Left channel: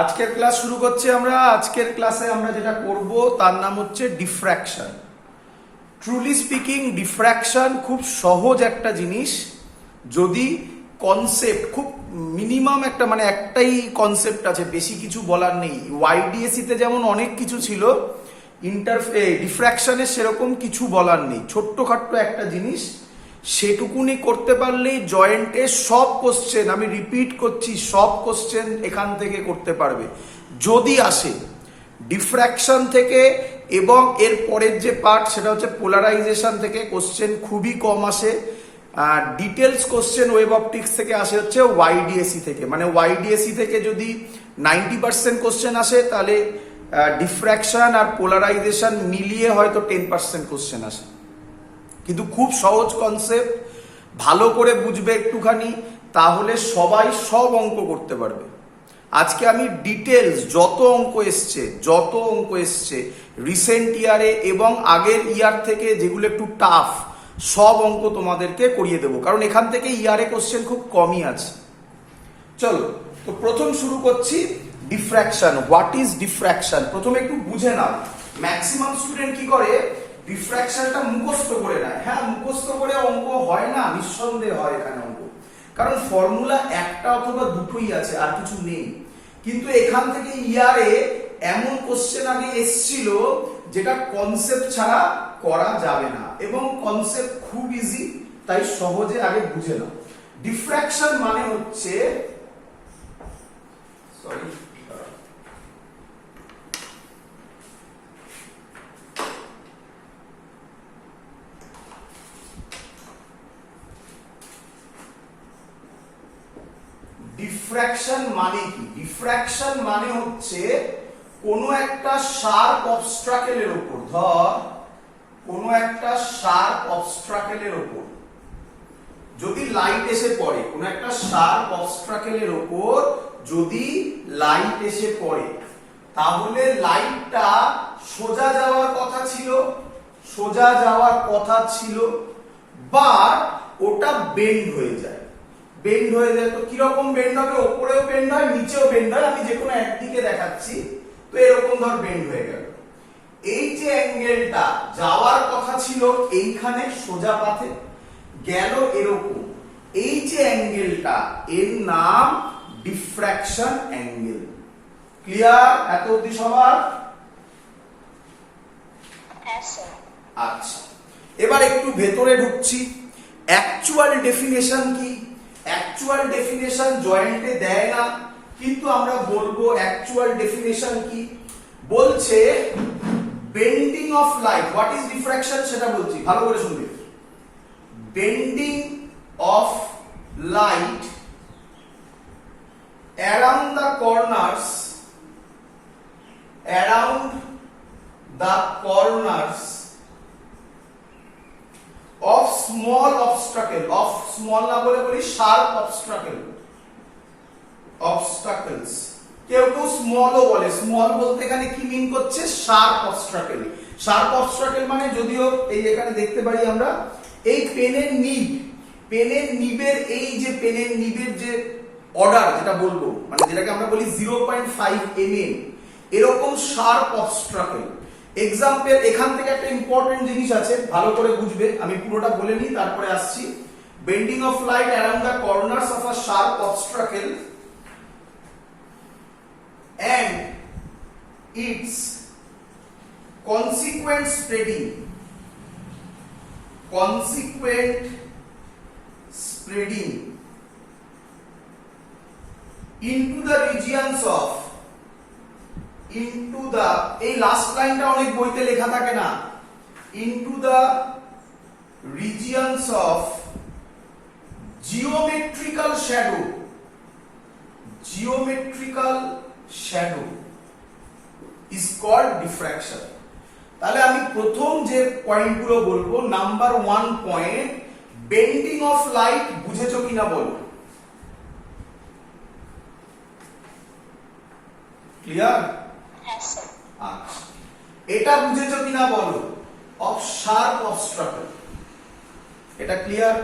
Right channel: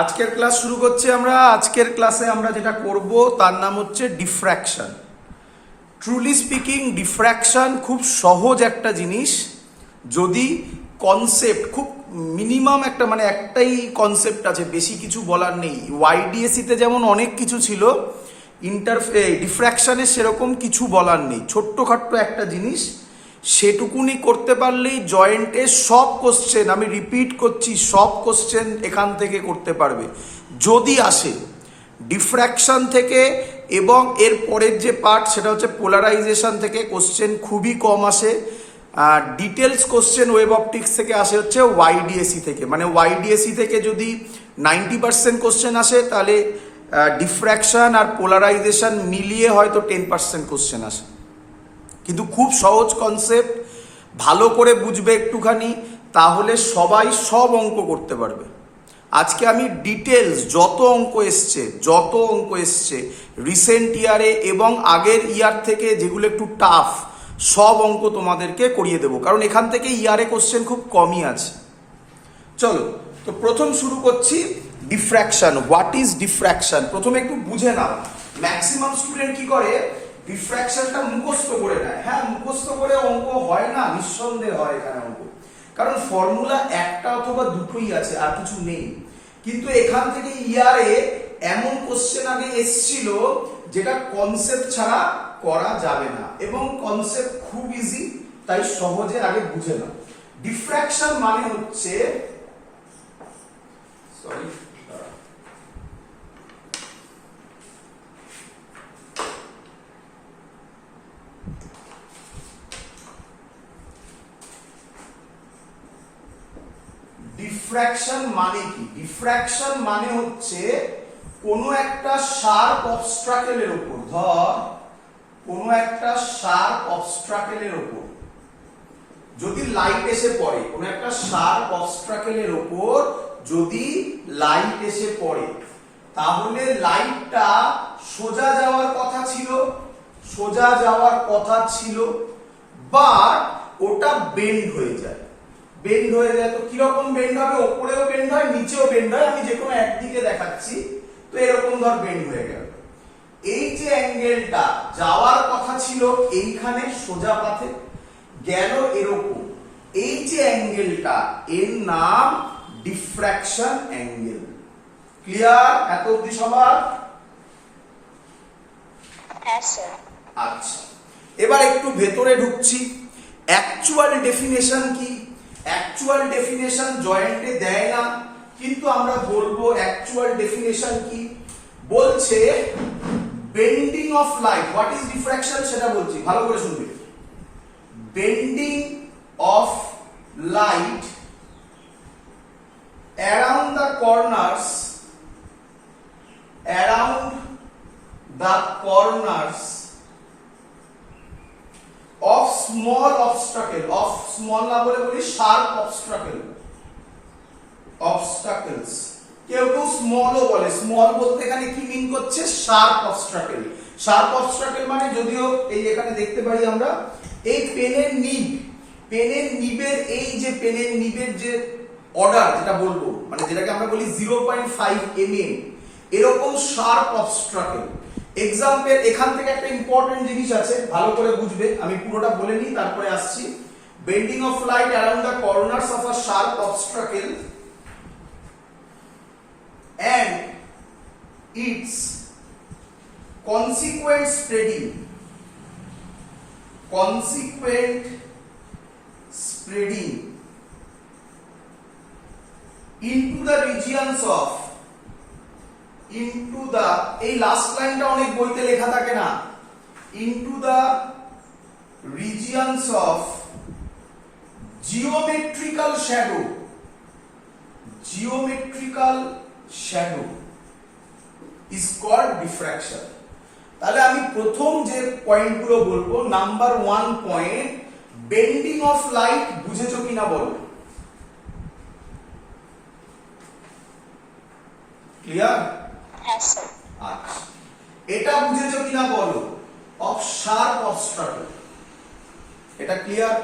আজকের ক্লাস শুরু করছি আমরা। আজকের ক্লাসে আমরা যেটা করব তার নাম হচ্ছে ডিফ্র্যাকশন। ট্রুলি স্পিকিং ডিফ্র্যাকশন খুব সহজ একটা জিনিস, যদি কনসেপ্ট খুব মিনিমাম একটা একটাই কনসেপ্ট আছে, বেশি কিছু বলার নেই। ওয়াইডিএসিতে যেমন অনেক কিছু ছিল, ডিফ্র্যাকশনে সেরকম কিছু বলার নেই। ছোট্টখাট্ট একটা জিনিস, সেটুকুনি করতে পারলেই জয়েন্টের সব কোশ্চেন, আমি রিপিট করছি, সব কোশ্চেন এখান থেকে করতে পারবে যদি আসে ডিফ্র্যাকশন থেকে। এবং এর পরের যে পার্ট সেটা হচ্ছে পোলারাইজেশন থেকে কোশ্চেন খুবই কম আসে। ডিটেলস কোশ্চেন ওয়েব অপটিক্স থেকে আসে হচ্ছে ওয়াইডিএসি থেকে। ওয়াইডিএসি থেকে যদি 90% কোশ্চেন আসে, তাহলে ডিফ্র্যাকশন আর পোলারাইজেশন মিলিয়ে হয়তো 10% কোশ্চেন আসে। কিন্তু খুব সহজ কনসেপ্ট, ভালো করে বুঝবে একটুখানি, তাহলে সবাই সব অঙ্ক করতে পারবে। আজকে আমি ডিটেলস যত অঙ্ক এসছে রিসেন্ট ইয়ারে এবং আগের ইয়ার থেকে, যেগুলো একটু টাফ, সব অঙ্ক তোমাদেরকে করিয়ে দেবো, কারণ এখান থেকে ইয়ারে কোশ্চেন খুব কমই আছে। চলো, তো প্রথম শুরু করছি ডিফ্র্যাকশন। হোয়াট ইজ ডিফ্র্যাকশন প্রথমে একটু বুঝে নাও। ম্যাক্সিমাম স্টুডেন্ট কি করে, ডিফ্র্যাকশনটা মুখস্থ করে নেয়। হ্যাঁ, মুখস্থ করে অঙ্ক হয় না, নিঃসন্দেহে হয় এখানে অঙ্ক, কারণ ফর্মুলা একটা অথবা দুটোই আছে, আর কিছু নেই। কিন্তু এখান থেকে ইয়ারে এমন কোশ্চেন আগে এসছিল যেটা কনসেপ্ট ছাড়া করা যাবে না, এবং কনসেপ্ট খুব ইজি, তাই সহজে আগে বুঝে নাও। ডিফ্র্যাকশন মানে হচ্ছে, সরি, ডিফ্র্যাকশন মানে কি? ডিফ্র্যাকশন মানে হচ্ছে কোনো একটা শার্প অবস্ট্রাকেলের উপর, কোনো একটা শার্প অবস্ট্রাকেলের উপর যদি লাইট এসে পড়ে, কোনো একটা শার্প অবস্ট্রাকেলের উপর যদি লাইট এসে পড়ে, তাহলে লাইটটা সোজা যাওয়ার কথা ছিল, বাট ওটা বেন্ড হয়ে যায়। তো কিরকম বেন্ড হবে? ওপরেও বেন্ড হয়, নিচেও বেন্ড হয়। আমি যে কোনো একদিকে দেখাচ্ছি, তো এরকম ধর বেন্ড হয়ে গেল। এই যে অ্যাঙ্গেলটা যাওয়ার কথা ছিল এইখানে সোজা পাথে, গেল এরকম। এই যে অ্যাঙ্গেলটা, এর নাম ডিফ্র্যাকশন অ্যাঙ্গেল। ক্লিয়ার এত অবধি সবার? আচ্ছা, এবার একটু ভেতরে ঢুকছি। অ্যাকচুয়াল ডেফিনেশন কি? অ্যাকচুয়াল ডেফিনেশন জয়েন্টে দেয় না, কিন্তু আমরা বলবো অ্যাকচুয়াল ডেফিনেশন কি। বলছে bending of light. What is diffraction সেটা বলছি, ভালো করে শুনবে। Bending of light around the corners of small obstacle, of small না বলে বলি sharp obstacles। কেউ স্মলও বলে, স্মল বলতে এখানে কি মিন করছে? Sharp obstacle. শার্প অবস্ট্রাকেল মানে, যদিও এই এখানে দেখতে পারি আমরা, এই পেনের নিবের এই যে পেনের নিবের যে অর্ডার, যেটা বলবো যেটাকে আমরা বলি 0.5 mm, এরকম শার্প অবস্ট্রাকেল। এক্সাম্পল, এখান থেকে একটা ইম্পর্টেন্ট জিনিস আছে, ভালো করে বুঝবে। আমি পুরোটা বলে নিই, তারপরে আসছি। Bending of light around the corners of a sharp obstacle and its consequent spreading into the regions of, এই লাস্ট লাইনটা অনেক বইতে লেখা থাকে না, into the regions of geometrical shadow is called diffraction। তাহলে আমি প্রথম যে পয়েন্টগুলো বলবো, number 1 point, bending of light. বুঝেছো কিনা বলো? ক্লিয়ার? আচ্ছা, এটা বুঝেছো কিনা বলো? অফ শার্প অবস্ট্রাকল, এটা ক্লিয়ার?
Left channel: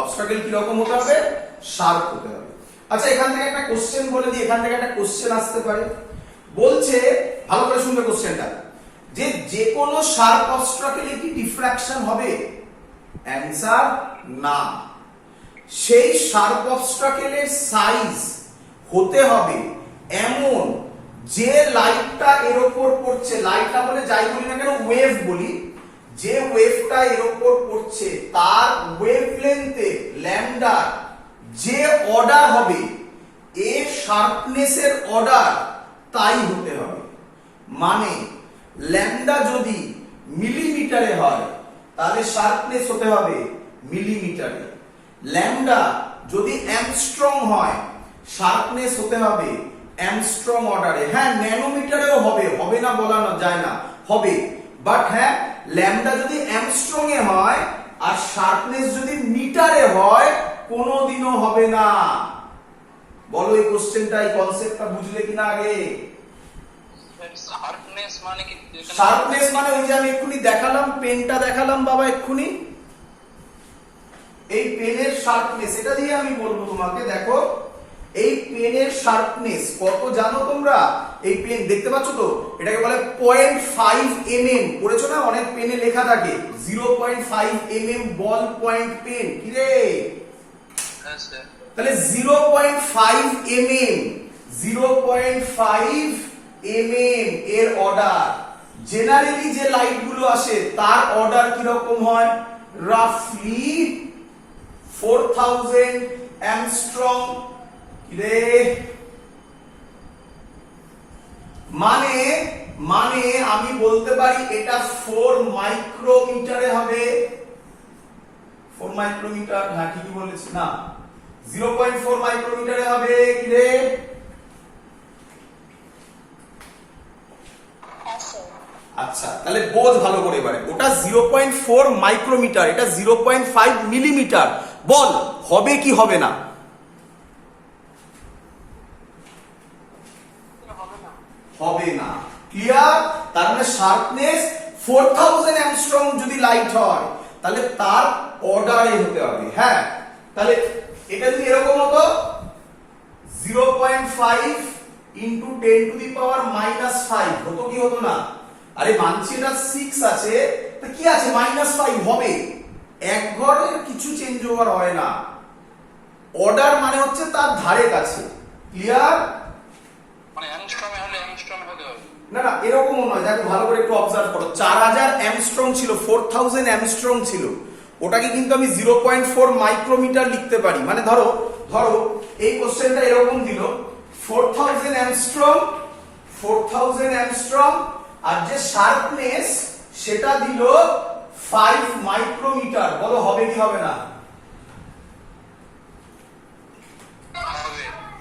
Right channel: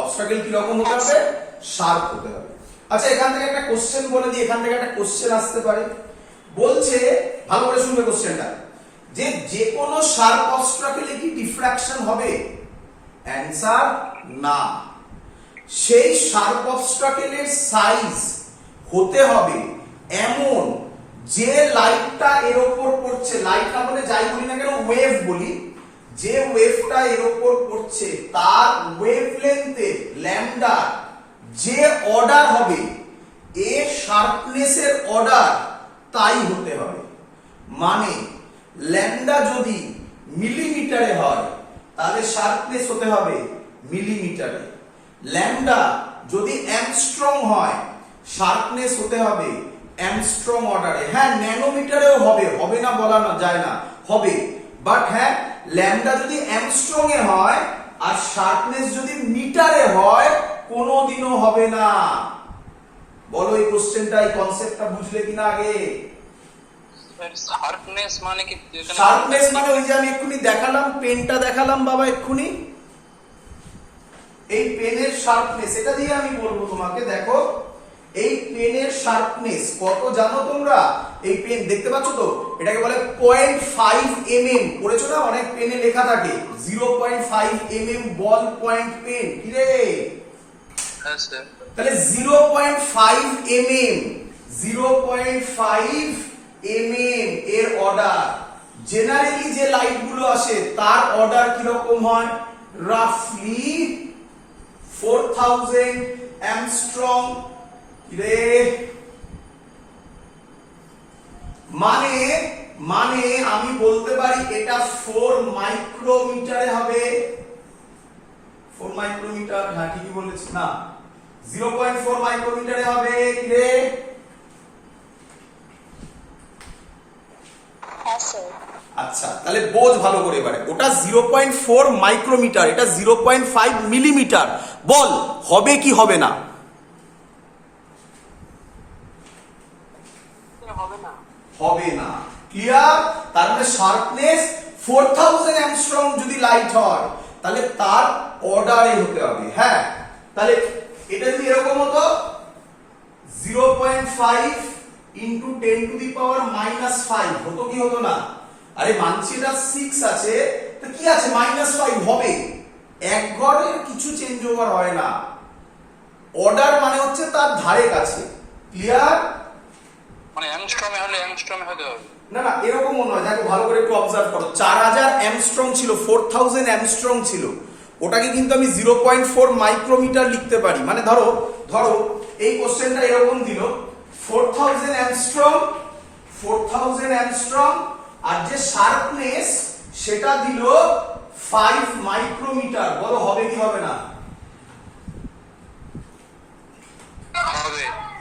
অবস্ট্রাকল কি রকম হতে হবে? শার্প হতে হবে। আচ্ছা এখান থেকে একটা কোশ্চেন বলে দিই, এখান থেকে একটা কোশ্চেন আসতে পারে। বলছে, ভালো করে শুনবে কোশ্চেনটা, যে যে কোনো শার্প অবস্ট্রাকেলে কি ডিফ্রাকশন হবে? অ্যান্সার না। সেই শার্প অবস্ট্রাকেলের সাইজ হতে হবে এমন যে লাইটটা এর উপর পড়ছে, লাইটটা বলে যাই বলি না কেন, ওয়েভ বলি, যে ওয়েভটা এর উপর পড়ছে তার ওয়েভলেন্থে ল্যামডা যে অর্ডার হবে, এর শার্পনেসের অর্ডার তাই হতে হবে। মানে ল্যামডা যদি মিলিমিটারে হয় তাহলে শার্পনেস হতে হবে মিলিমিটারে। ল্যামডা যদি অ্যাংস্ট্রম হয় শার্পনেস হতে হবে অ্যাংস্ট্রম অর্ডারে। হ্যাঁ ন্যানোমিটারেও হবে, হবে না বলা না যায় না, হবে, বাট হ্যাঁ ল্যামডা যদি অ্যাংস্ট্রম এ হয় আর শার্পনেস যদি মিটারে হয় কোনোদিনও হবে না। বলো এই কোশ্চেনটা, এই কনসেপ্টটা বুঝলে কিনা আগে? শার্পনেস মানে কি? শার্পনেস মানে ওই যে আমি এক্ষুনি দেখালাম, পেনটা দেখালাম বাবা এক্ষুনি, এই পেনের শার্পনেস, এটা দিয়ে আমি বলবো তোমাকে। দেখো এই পেনের শার্পনেস কত জানো তোমরা? এই পেন দেখতে পাচ্ছ তো, এটাকে বলে 0.5 mm। পড়েছো না, অনেক পেনে লেখা থাকে 0.5 mm বল পয়েন্ট পেন। কি রে? তাহলে 0.5 mm, 0.5 mm এর অর্ডার। জেনারেলি যে লাইট গুলো আসে তার অর্ডার কিরকম হয়? রাফলি 4000 অ্যাংস্ট্রম। রে মানে মানে আমি বলতে পারি এটা 4 মাইক্রোমিটারে হবে। 4 মাইক্রোমিটার, হ্যাঁ ঠিকই বলেছি না, 0.4 মাইক্রোমিটারে হবে। কি রে? আচ্ছা তাহলে বোঝ ভালো করে এবারে, ওটা 0.4 মাইক্রোমিটার, এটা 0.5 মিলিমিটার। বল হবে কি হবে না? হবে না। ক্লিয়ার? তার মানে শার্পনেস 4000 অ্যাংস্ট্রম যদি লাইট হয় তাহলে তার অর্ডারে হতে হবে। হ্যাঁ তাহলে এটা যদি এরকম হতো 0.5 ইনটু 10 টু দি পাওয়ার -5 হতো কি হতো না? আরে মানছি এটা 6 আছে, তো কি আছে -5 হবে। এক ঘরের কিছু চেঞ্জ ওভার হয় না। অর্ডার মানে হচ্ছে তার ধারে কাছে। ক্লিয়ার? মানে অ্যাংস্ট্রমে হলে অ্যাংস্ট্রমে হতে হবে না না এরকমও নয়। দেখো ভালো করে একটু অবজার্ভ করো, 4000 অ্যাংস্ট্রম ছিল, 4000 অ্যাংস্ট্রম ছিল, ওটাকে কিন্তু আমি 0.4 মাইক্রোমিটার লিখতে পারি। মানে ধরো ধরো এই কোশ্চেনটা এরকম দিল 4000 অ্যাংস্ট্রম, 4000 অ্যাংস্ট্রম, আর যে শার্পনেস সেটা দিল 5 মাইক্রোমিটার। বলো হবে কি হবে না?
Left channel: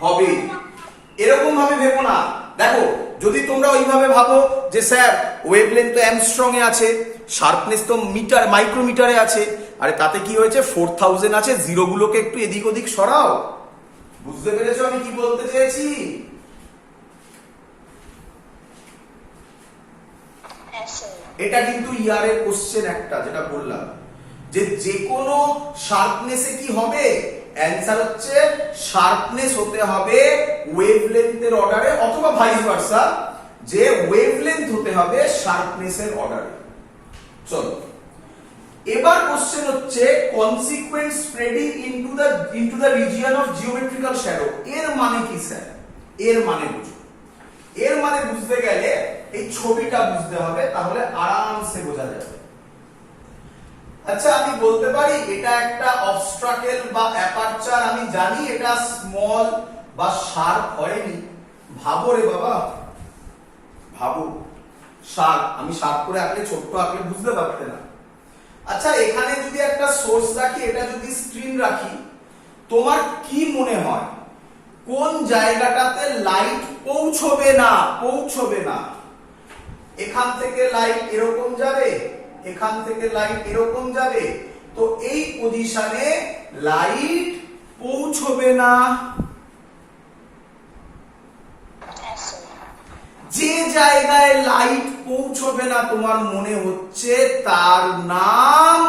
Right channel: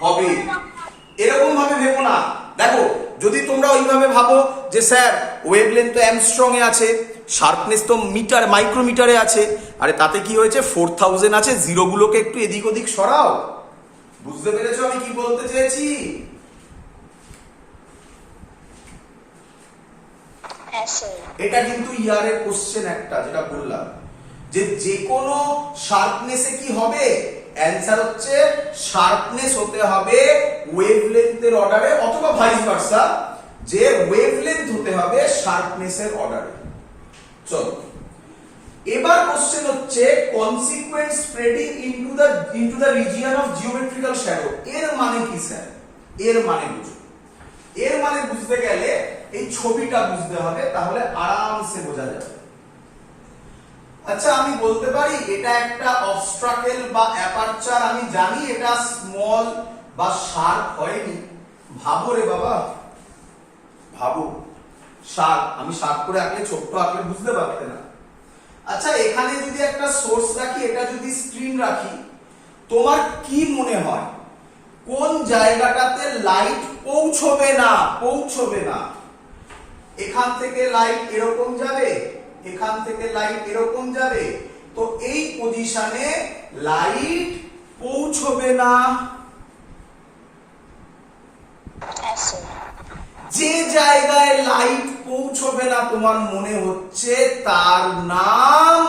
হবে। এরকম ভাবে ভেবো না। দেখো যদি তোমরা ওইভাবে ভাবো যে স্যার ওয়েভলেন্থ তো অ্যাংস্ট্রম এ আছে, শার্পনেস তো মিটার মাইক্রোমিটারে আছে, আরে তাতে কি হয়েছে 4000 আছে, জিরো গুলোকে একটু এদিক ওদিক সরাও। বুঝতে পেরেছো আমি কি বলতে চেয়েছি? এটা কিন্তু ইয়ারের কোশ্চেন একটা, যেটা বললাম যে যে কোনো শার্পনেসে কি হবে, অ্যান্সার হচ্ছে শার্পনেস হতে হবে ওয়েভলেন্থের অর্ডারে, অথবা ভাইস ভার্সা, যে ওয়েভলেন্থ হতে হবে শার্পনেসের অর্ডারে। চলো এবার কোশ্চেন হচ্ছে consequent spreading into the region of geometrical shadow. এর মানে কি স্যার? এর মানে বুঝো। এর মানে বুঝতে গেলে এই ছবিটা বুঝতে হবে, তাহলে আরামসে বোঝা যাবে। আচ্ছা আমি বলতে পারি এটা একটা অবস্ট্রাকেল বা অ্যাপারচার, আমি জানি এটা স্মল বা শার্প হয়নি। ভাবো রে বাবা, ভাবো। শার্প, আমি শার্প করে আঁকলে ছোট্ট আঁকলে বুঝতে পারতে না। আচ্ছা এখানে যদি একটা সোর্স রাখি, এটা যদি স্ক্রিন রাখি, তোমার কি মনে হয় কোন জায়গাটাতে লাইট পৌঁছবে না? পৌঁছবে না। এখান থেকে লাইট এরকম যাবে, এখান থেকে লাইট এরকম যাবে, তো এই পজিশনে লাইট পৌঁছবে না। যে জায়গায় লাইট পৌঁছবে না তোমার মনে হচ্ছে তার নাম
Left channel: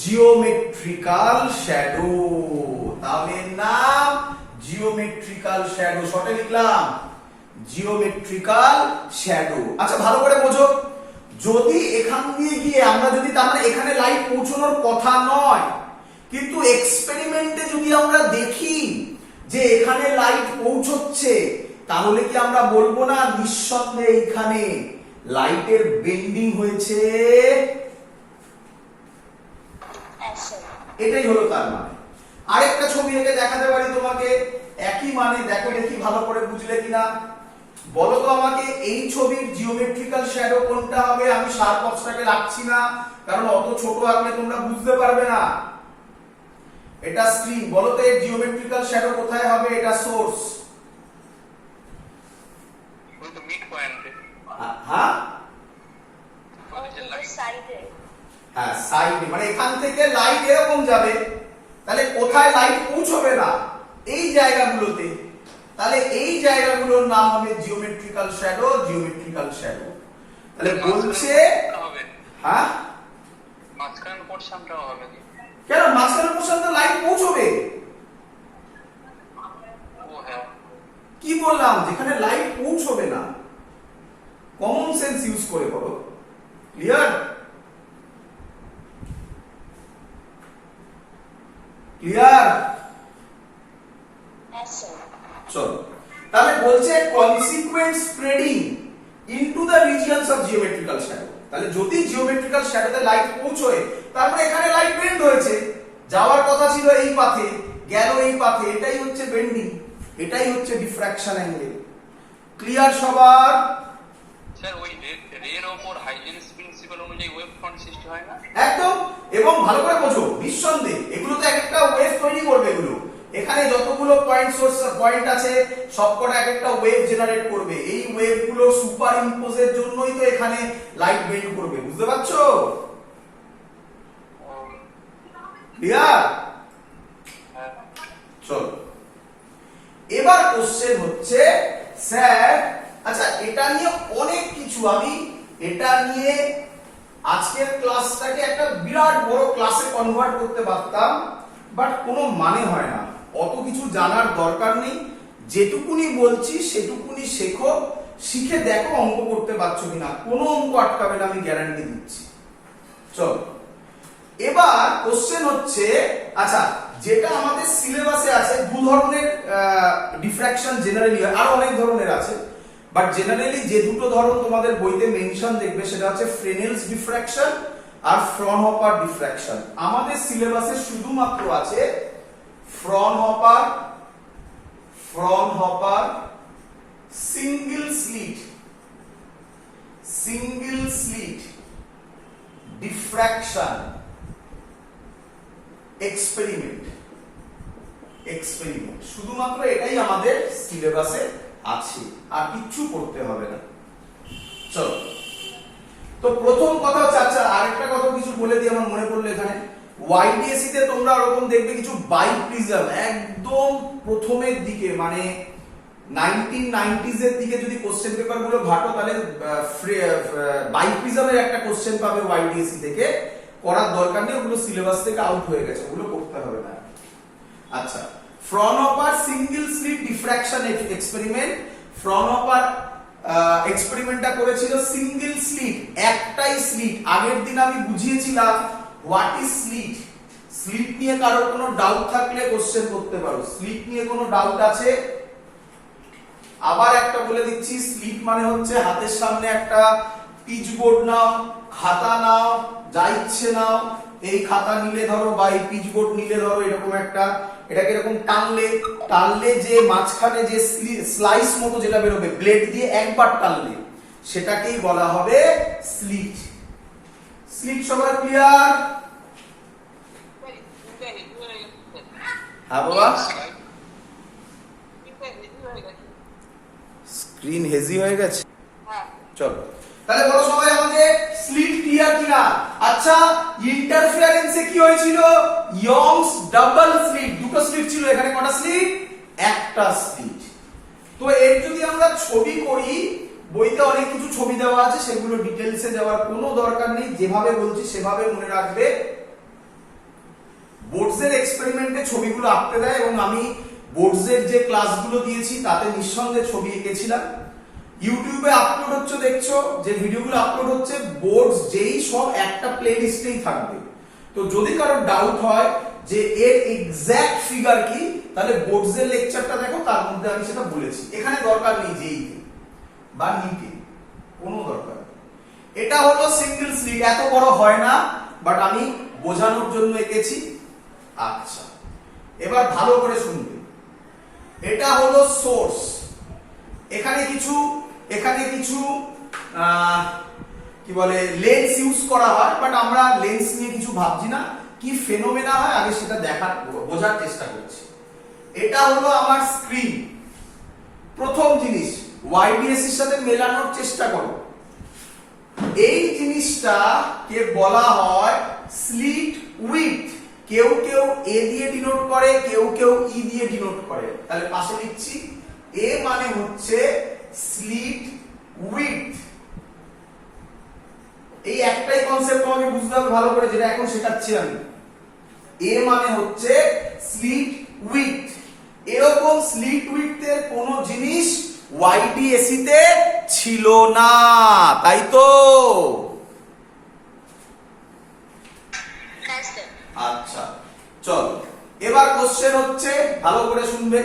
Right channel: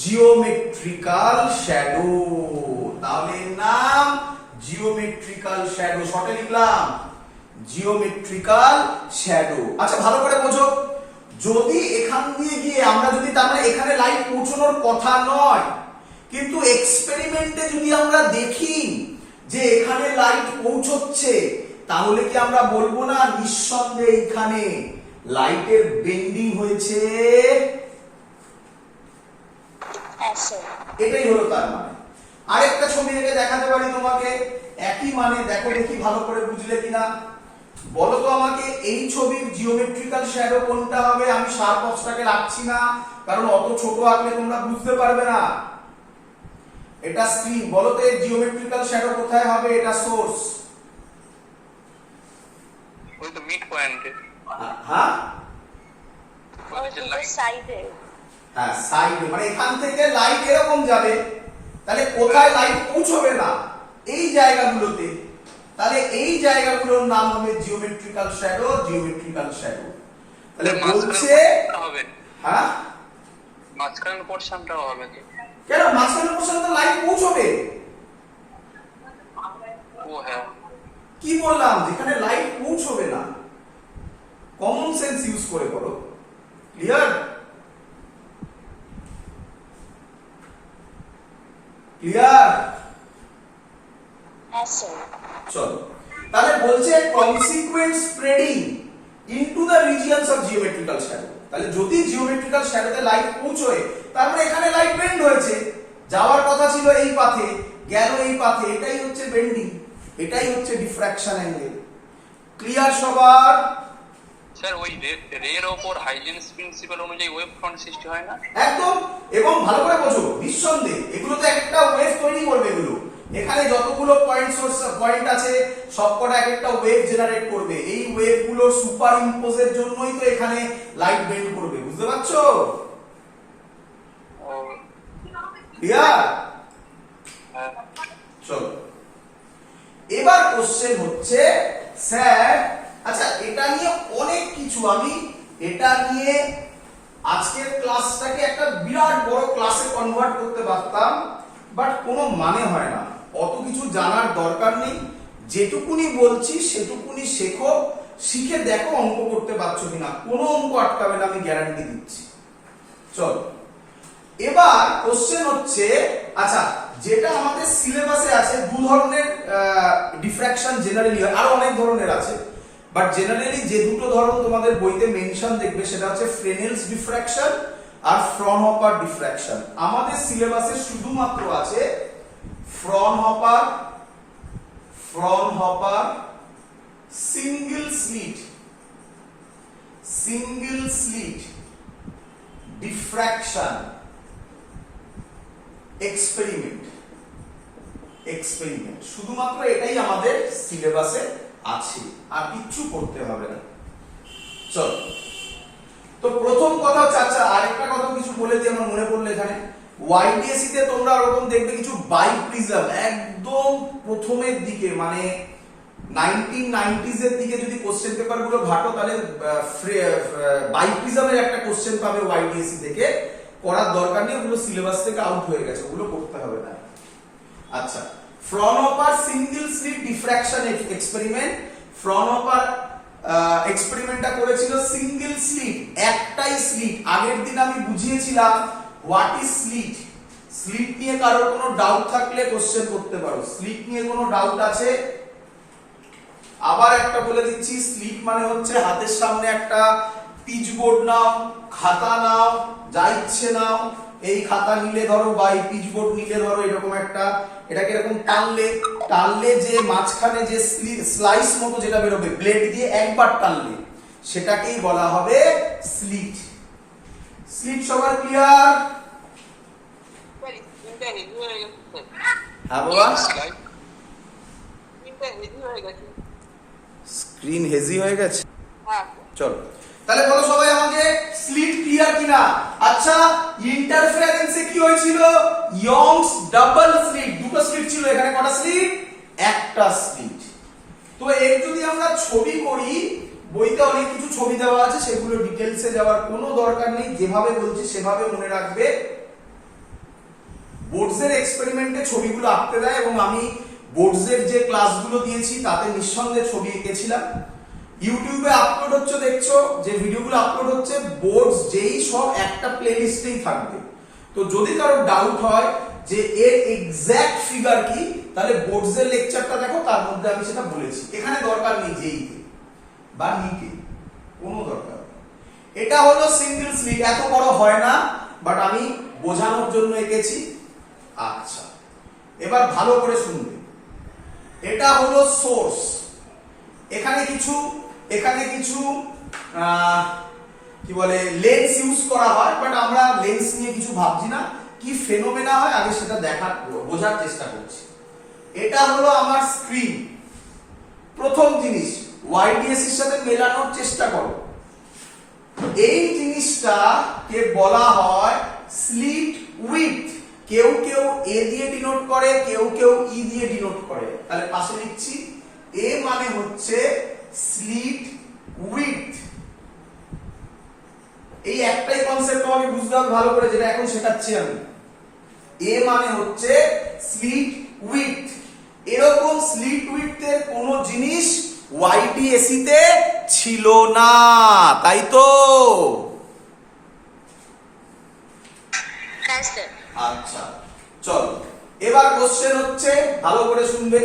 জিওমেট্রিক্যাল শ্যাডো। তাহলে নাম জিওমেট্রিক্যাল শ্যাডো, শর্টে লিখলাম জিওমেট্রিক্যাল শ্যাডো। আচ্ছা ভালো করে বোঝো, যদি এখান দিয়ে গিয়ে আমরা যদি, তার মানে এখানে লাইট পৌঁছানোর কথা নয়, কিন্তু এক্সপেরিমেন্টে যদি আমরা দেখি যে এখানে লাইট পৌঁছচ্ছে, তাহলে কি আমরা বলবো না নিঃসন্দেহে এখানে লাইটের বেন্ডিং হয়েছে? এটাই হলো তার মানে। আরেকটা ছবি থেকে দেখাতে পারি তোমাকে, একই মানে, দেখো দেখি ভালো করে বুঝলে কিনা। বলো তো আমাকে এই ছবির জিওমেট্রিক্যাল শ্যাডো কোনটা হবে? আমি শার্প অবস্ট্রাকে রাখছি না, কারণ অত ছোট আঁকলে তোমরা বুঝতে পারবে না। এটা স্ক্রিন, বলো তো এর জিওমেট্রিক্যাল শ্যাডো কোথায় হবে? এটা সোর্স, ওই তো মিড পয়েন্টে। হ্যাঁ সাইডে। হ্যাঁ সাইডে, মানে এখান থেকে লাইট এরকম যাবে, তাহলে কোথায় লাইট পৌঁছবে না? এই জায়গাগুলোতে। তাহলে এই জায়গাগুলোর নাম হবে জিওমেট্রিক্যাল শ্যাডো, জিওমেট্রিক্যাল শ্যাডো। তাহলে বলছে, হ্যাঁ মাঝখানের পোরশনটাও হবে কি? কেন মাঝখানের পোরশন তো লাইট পৌঁছবে। ও হ্যাঁ, কি বললাম, যেখানে লাইট পৌঁছবে না। কমন সেন্স ইউজ করে করো। ক্লিয়ার? ক্লিয়ার? চলো, তাহলে বলছে consequent spreading into the regions of geometrical shadow. তাহলে যদি জিওমেট্রিক্যাল শ্যাডোতে লাইট পৌঁছয়, তারপরে এখানে লাইট বেন্ড হয়েছে, যাওয়ার কথা ছিল এই পাথে, গেল এই পাথে, এটাই হচ্ছে বেন্ডিং, এটাই হচ্ছে ডিফ্রাকশন অ্যাঙ্গেল। ক্লিয়ার সবার? স্যার ওই রের ওপর হাইজেনিক্স প্রিন্সিপাল অনুযায়ী ওয়েভ ফ্রন্ট সৃষ্টি হয় না? একদম। এবং ভালো করে বোঝো, নিঃসন্দেহে এগুলো তো একটা ওয়েভ তৈরি করবে। এগুলো এখানে যতগুলো পয়েন্ট আছে সবকটা এক একটা ওয়েভ জেনারেট করবে। এই ওয়েভ গুলো সুপার ইম্পোজের জন্যই তো এখানে লাইট বেন্ড করবে। বুঝতে পারছো? ক্লিয়ার? চলো, এবার কোশ্চেন হচ্ছে স্যার, আচ্ছা এটা নিয়ে অনেক কিছু, আমি এটা নিয়ে আজকের ক্লাসটাকে একটা বিরাট বড় ক্লাসে কনভার্ট করতে পারতাম, বাট কোনো মানে হয় না। অত কিছু জানার দরকার নেই, যেটুকুনি বলছি সেটুকুনি শেখো, শিখে দেখো অঙ্ক করতে পারছো কিনা। কোনো অঙ্ক আটকাবে না, আমি গ্যারান্টি দিচ্ছি। চলো, এবার কোশ্চেন হচ্ছে, আচ্ছা যেটা আমাদের সিলেবাসে আছে, দু ধরনের ডিফ্রাকশন জেনারেলি হয়, আরো অনেক ধরনের আছে, বাট জেনারেলি যে দুটো ধরন তোমাদের বইতে মেনশন দেখবে সেটা হচ্ছে ফ্রেনেলস ডিফ্রাকশন আর ফ্রনহপার ডিফ্রাকশন। আমাদের সিলেবাসে শুধুমাত্র আছে ফ্রনহপার সিঙ্গেল স্লিট ডিফ্রাকশন এক্সপেরিমেন্ট, শুধুমাত্র এটাই আমাদের সিলেবাসে আছে, আর কিচ্ছু করতে হবে না। চলো, তো প্রথম কথা হচ্ছে, আচ্ছা আরেকটা কথা কিছু বলে দিই, আমার মনে পড়লো এখানে, ওয়াইডিএসসি তে তোমরা ওরকম দেখবে কিছু বাইপ্রিজম, একদম প্রথমের দিকে, মানে 1990s এর দিকে যদি কোশ্চেন পেপার গুলো ঘাটো, তাহলে বাইপ্রিজমের একটা কোশ্চেন পাবে ওয়াইডিএসসি থেকে। করার দরকার নেই, ওগুলো সিলেবাস থেকে আউট হয়ে গেছে, ওগুলো করতে হবে না। আচ্ছা, Fraunhofer single slit diffraction experiment. Fraunhofer এক্সপেরিমেন্টটা করেছিল সিঙ্গেল স্লিট, একটাই স্লিট। আগের দিন আমি বুঝিয়েছিলাম হোয়াট ইজ স্লিট। স্লিট নিয়ে কারোর কোনো ডাউট থাকলে কোশ্চেন করতে পারো। স্লিট নিয়ে কোনো ডাউট আছে? আবার একটা বলে দিচ্ছি, স্লিট মানে হচ্ছে হাতের সামনে একটা পিচবোর্ড নাও, খাতা নাও, যা ইচ্ছে নাও, এই খাতা নিলে ধরো বা এই পিচবোর্ড নিলে ধরো, এরকম একটা, এটাকে এরকম টানলে যে মাঝখানে যে স্লাইস মতো যেটা বেরোবে ব্লেড দিয়ে একবার টানলে, সেটাকেই বলা হবে স্লিট। সবার ক্লিয়ার? হ্যাঁ বাবা, স্ক্রিন হেজি হয়ে গেছে। চলো, তাহলে বলো সবাই আমাকে স্লিট ক্লিয়ার কিনা? আচ্ছা, ইন্টারফারেন্সে কি হয়েছিল? ইয়ংস ডাবল স্লিট, দুটো স্লিট ছিল, এখানে কটা স্লিট? একটা স্লিট। তো এর যদি আমরা ছবি করি, বইতে অনেক কিছু ছবি দেওয়া আছে, সেগুলো ডিটেলসে যাওয়ার কোনো দরকার নেই, যেভাবে বলছি সেভাবে মনে রাখবে। বোর্ডসের এক্সপেরিমেন্টে ছবিগুলো আঁকতে দেয়, এবং আমি বোর্ডসের যে ক্লাসগুলো দিয়েছি তাতে নিঃসন্দেহে ছবি এঁকেছিলাম। ইউটিউবে আপলোড হচ্ছে, দেখছো যে ভিডিওগুলো আপলোড হচ্ছে, বোর্ডস যেই সব একটা প্লেলিস্টেই থাকবে। তো যদি কারো ডাউট হয় যে এর এক্সাক্ট ফিগার কি, তাহলে বোর্ডসের লেকচারটা দেখো, তার মধ্যে আমি সেটা বলেছি। এখানে দরকার নেই যেই বা নিকে, কোনো দরকার নেই। এটা হলো সিঙ্গেল স্লিট, এত বড় হয় না, বাট আমি বোঝানোর জন্য এঁকেছি। আচ্ছা, এবার ভালো করে শুনবে। এটা হলো সোর্স। এখানে কিছু কি বলে লেন্স ইউজ করা হয়, বাট আমরা লেন্স নিয়ে কিছু ভাবছি না। কি ফেনোমেনা হয় আগে সেটা বোঝার চেষ্টা করছি। এটা হলো আমার স্ক্রিন। প্রথম জিনিস ওয়াইডিএস এর সাথে মেলানোর চেষ্টা করো। এই জিনিসটাকে বলা হয় স্লিট উইডথ। কেউ কেউ এ দিয়ে ডিনোট করে, কেউ কেউ ই দিয়ে ডিনোট করে। তাহলে পাশে লিখছি, এ মানে হচ্ছে স্লিট উইডথ। এই একটাই কনসেপ্ট আমাকে বুঝতে হবে ভালো করে, যেটা এখন শেখাচ্ছি আমি। এ মানে হচ্ছে স্লিট উইডথ। এরকম স্লিট উইডথের কোন জিনিস ওয়াইডিএসি তে ছিল না, তাই তো? আচ্ছা চলো, এবার কোশ্চেন হচ্ছে, ভালো করে শুনবে।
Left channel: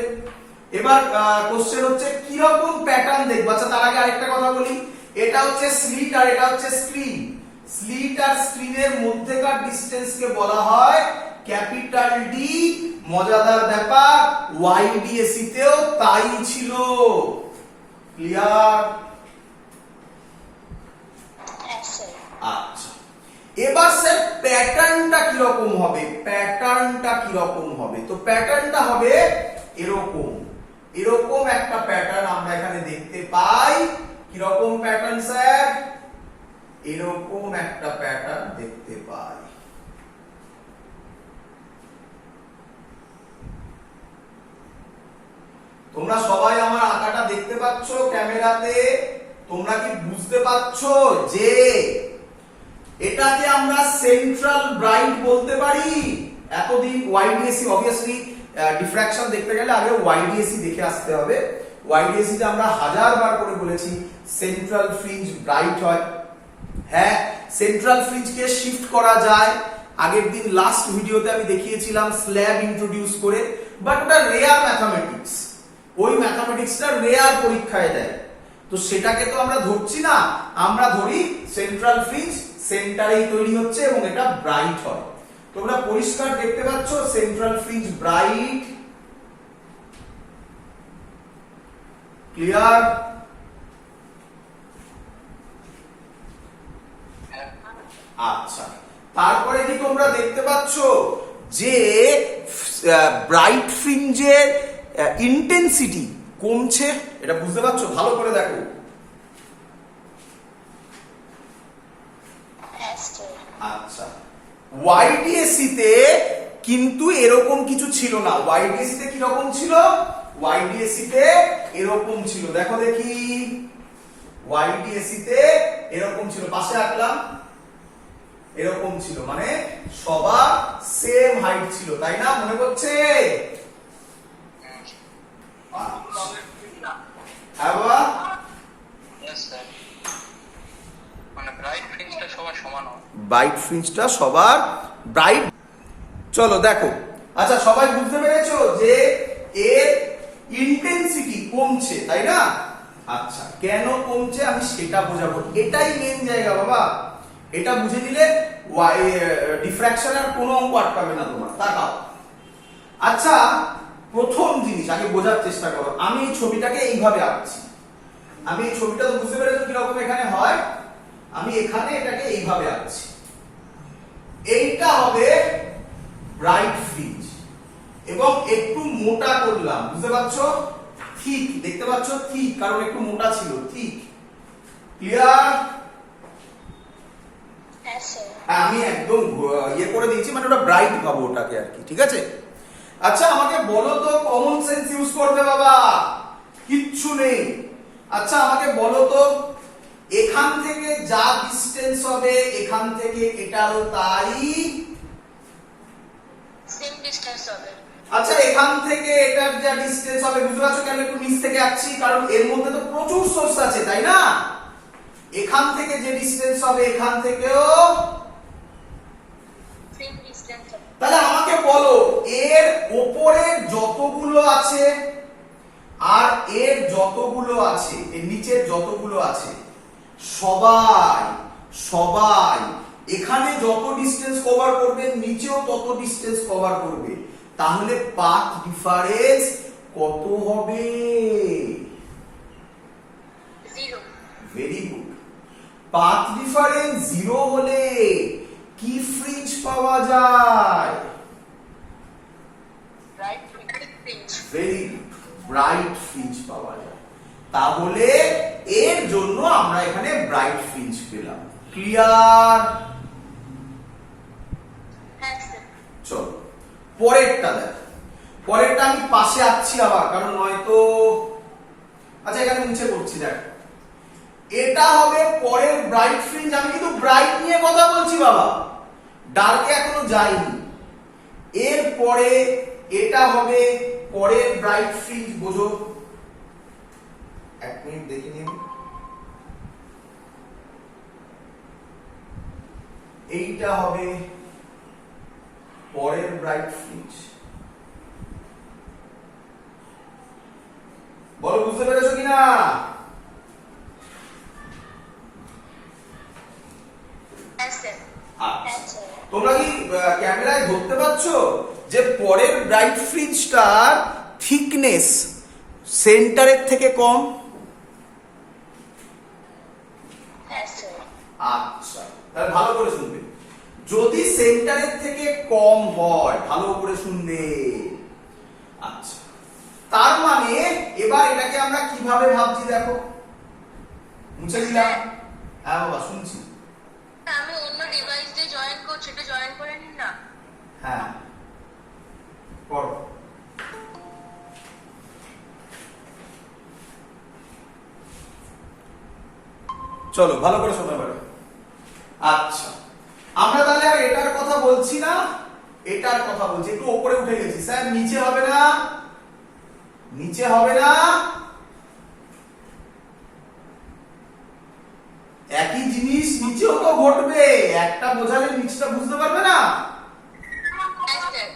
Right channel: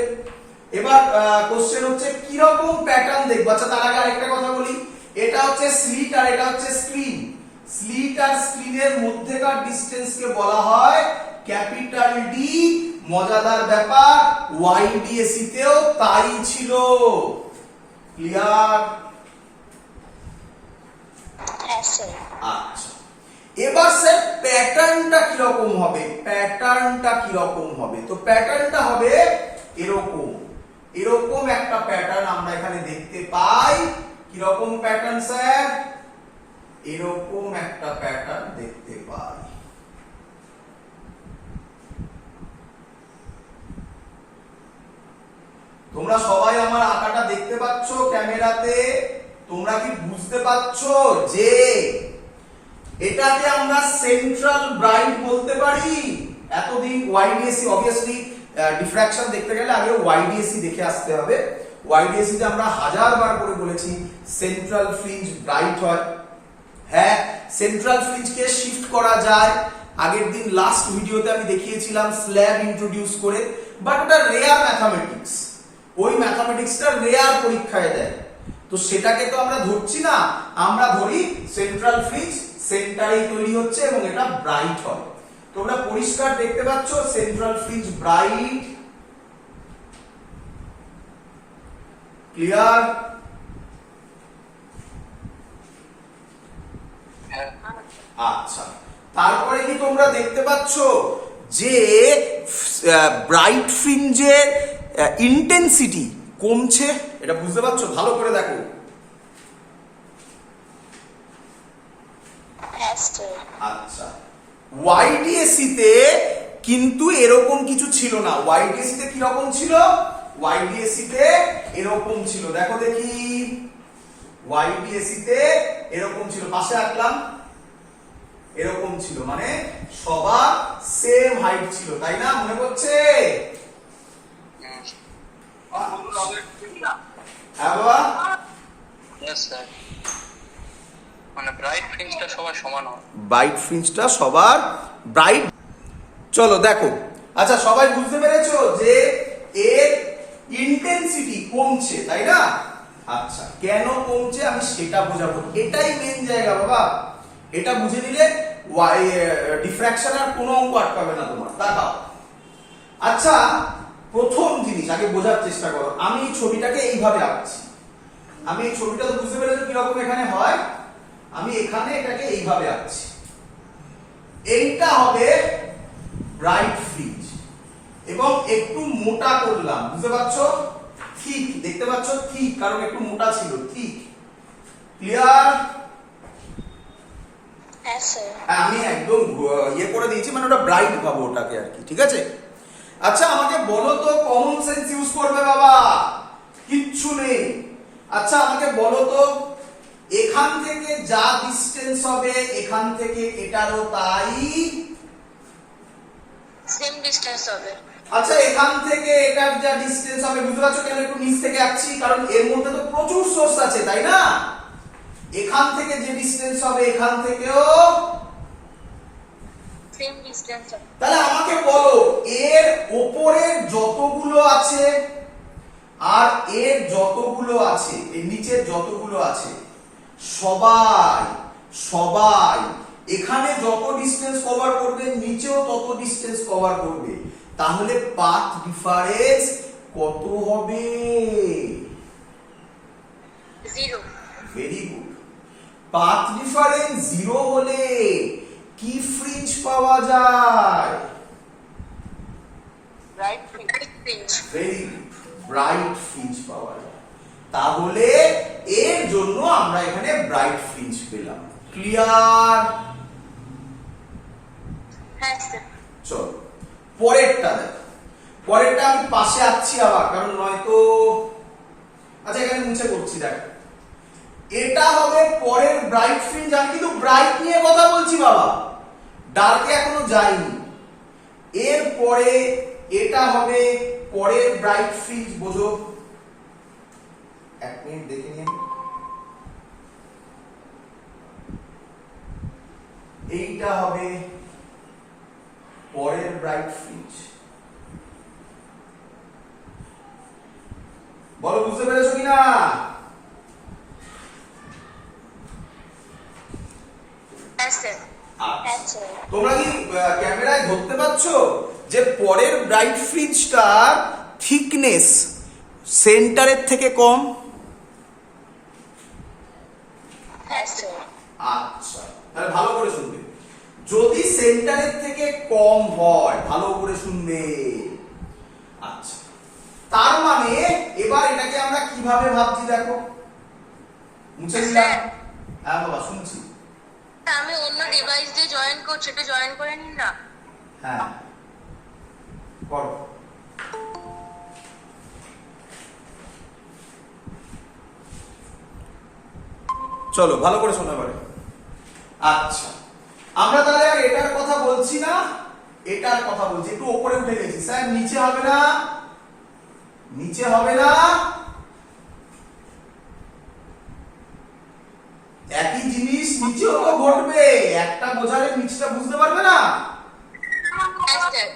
এবার কোশ্চেন হচ্ছে কিরকম প্যাটার্ন দেখবো। আচ্ছা তার আগে আরেকটা কথা বলি, এটা হচ্ছে স্লিট আর এটা হচ্ছে স্ক্রিন। স্লিট আর স্ক্রিনের মধ্যেকার ডিসটেন্সকে বলা হয় ক্যাপিটাল ডি। মজাদার ব্যাপার, ওয়াইডিএসি তেও তাই ছিল। ক্লিয়ার? আচ্ছা, এবার স্যার প্যাটার্নটা কিরকম হবে? তো প্যাটার্নটা হবে এরকম। এরকম একটা প্যাটার্ন আমরা এখানে দেখতে পাই। কিরকম প্যাটার্ন স্যার? এরকম একটা প্যাটার্ন দেখতে পাই। তোমরা সবাই আমার আঁকাটা দেখতে পাচ্ছ ক্যামেরাতে? তোমরা কি বুঝতে পারছো যে এটাকে আমরা সেন্ট্রাল ব্রাইট বলতে পারি? এতদিন ওয়াইডিএসি, অবভিয়াসলি ডিফ্র্যাকশন দেখতে গেলে আগে ওয়াইডিএসি দেখে আসতে হবে। ওয়াইডিএসি তে আমরা হাজারবার করে বলেছি সেন্ট্রাল ফ্রিঞ্জ ব্রাইট হয়। হ্যাঁ, সেন্ট্রাল ফ্রিঞ্জকে শিফট করা যায়। আগের দিন লাস্ট ভিডিওতে আমি দেখিয়েছিলাম স্ল্যাব ইন্ট্রোডিউস করে, বাট ওটা রেয়ার ম্যাথামেটিক্স। ওই ম্যাথামেটিক্সটা রেয়ার পরীক্ষায় দেয়, তো সেটাকে তো আমরা ধরছি না। আমরা ধরি সেন্ট্রাল ফ্রিঞ্জ সেন্টারেই তৈরি হচ্ছে এবং এটা ব্রাইট হয়। তোমরা পরিষ্কার দেখতে পাচ্ছ সেন্ট্রাল ফ্রিঞ্জ ব্রাইট। ক্লিয়ার? আচ্ছা, তারপরে কি তোমরা দেখতে পাচ্ছ যে ব্রাইট ফ্রিঞ্জের ইন্টেন্সিটি কমছে? এটা বুঝতে পারছো? ভালো করে দেখো। আচ্ছা, ওয়াইডিএসি তে কিন্তু এরকম কিছু ছিল না। ওয়াইডিএসি তে কিরকম ছিল? ওয়াইডিএসি তে এরকম ছিল। দেখো দেখি, ওয়াইডিএসি তে এরকম ছিল। পাশে আঁকলাম, এরকম ছিল, মানে সবার সেম হাইট ছিল, তাই না? মনে পড়ছে? হ্যাঁ বাবা, মানে ব্রাইট ফ্রিঞ্জটা সবার সমান হয়। ব্রাইট ফ্রিঞ্জটা সবার ব্রাইট। চলো দেখো, আচ্ছা সবাই বুঝতে পেরেছো যে এর ইন্টেন্সিটি কমছে, তাই না? আচ্ছা, কেন কমছে আমি সেটা বোঝাবো। এটাই মেন জায়গা বাবা। এটা বুঝে নিলে ডিফ্র্যাকশন আর কোনো অঙ্ক আটকাবে না তোমার। তাকাও। আচ্ছা, প্রথম জিনিস আগে বোঝার চেষ্টা করো। আমি এই ছবিটাকে এইভাবে আঁকছি। আমি এই ছবিটা তো বুঝতে পেরেছো কিরকম এখানে হয়। আমি এখানে এটাকে এইভাবে আঁকছি। এইটা হবে ব্রাইট ফ্রিঞ্জ এবং একটু মোটা করলাম, বুঝতে পারছো? ঠিক দেখতে পাচ্ছ? ঠিক, কারণ একটু মোটা ছিল। ঠিক, ক্লিয়ার? আমি একদম ইয়ে করে দিয়েছি, মানে ওটা ব্রাইট ভাবো ওটাকে আর কি। ঠিক আছে? আচ্ছা আমাকে বলো তো, কমন সেন্স ইউজ করবে বাবা, কিচ্ছু নেই। আচ্ছা আমাকে বলো তো, এখান থেকে যা ডিসটেন্স হবে এখান থেকে এটারও তাই সেম ডিসটেন্স হবে। আচ্ছা এখান থেকে এটার যা ডিসটেন্স হবে, বুঝতে পারছো কেন একটু নিচ থেকে আসছি, কারণ এর মধ্যে তো প্রচুর সোর্স আছে তাই না। এখান থেকে যে ডিসটেন্স হবে এখান থেকেও সেম ডিসটেন্স হবে। তাহলে আমাকে বলো এর ওপরে যতগুলো আছে আর এর যতগুলো আছে, এর নিচের যতগুলো আছে, সবাই সবাই এখানে যত ডিসটেন্স কভার করবে নিচেও তত ডিসটেন্স কভার করবে, তাহলে পাথ ডিফারেন্স কত হবে? 0। Very good. পাথ ডিফারেন্স 0 হলে কি ফ্রিঞ্জ পাওয়া যায়? Right fringe. Very good, bright fringe পাওয়া যায়। তাহলে এর জন্য আমরা এখানে ব্রাইট ফ্রিঞ্জ পেলাম। ক্লিয়ার? হ্যাঁ স্যার। চলো পরেরটা দেখো। পরেরটা আমি পাশে আসছি আবার, কারণ নয়তো আচ্ছা এখানে মুছে করছি। দেখ এটা হবে পরের ব্রাইট ফ্রিঞ্জ। আমি কিন্তু ব্রাইট নিয়ে কথা বলছি বাবা, ডার্কে এখনো যাইনি। এর পরে এটা হবে পরের ব্রাইট ফ্রিঞ্জ। বোঝো, এক মিনিট দেখে নিন। এইটা হবে পরের ব্রাইট ফ্রিঞ্জ। বলো বুঝতে পেরেছো কিনা? হ্যাঁ স্যার। হ্যাঁ স্যার। তোমরা কি ক্যামেরায় ধরতে পারছো যে পরের ব্রাইট ফ্রিঞ্জটার থিকনেস সেন্টারের থেকে কম? হ্যাঁ স্যার। আচ্ছা তাহলে ভালো করে শুনবে। যদি সেন্টারের থেকে কম হয়, ভালো করে শুনবে। আচ্ছা তার মানে এবার এটাকে আমরা কিভাবে ভাবছি দেখো। মুছে দিলাম। হ্যাঁ বাবা শুনছি। আমি অন্য ডিভাইস দিয়ে জয়েন করছি, একটু জয়েন করে নিন না। হ্যাঁ করো। চলো ভালো করে শোনা এবারে। আচ্ছা আমরা তাহলে আর এটার কথা বলছি না, এটার কথা বলছি। একটু উপরে উঠে গেছি স্যার, নিচে হবে না, নিচে হবে না। একই জিনিস নিচেও তো ঘটবে, একটা বোঝালে নিচটা বুঝতে পারবে না। হ্যাঁ স্যার।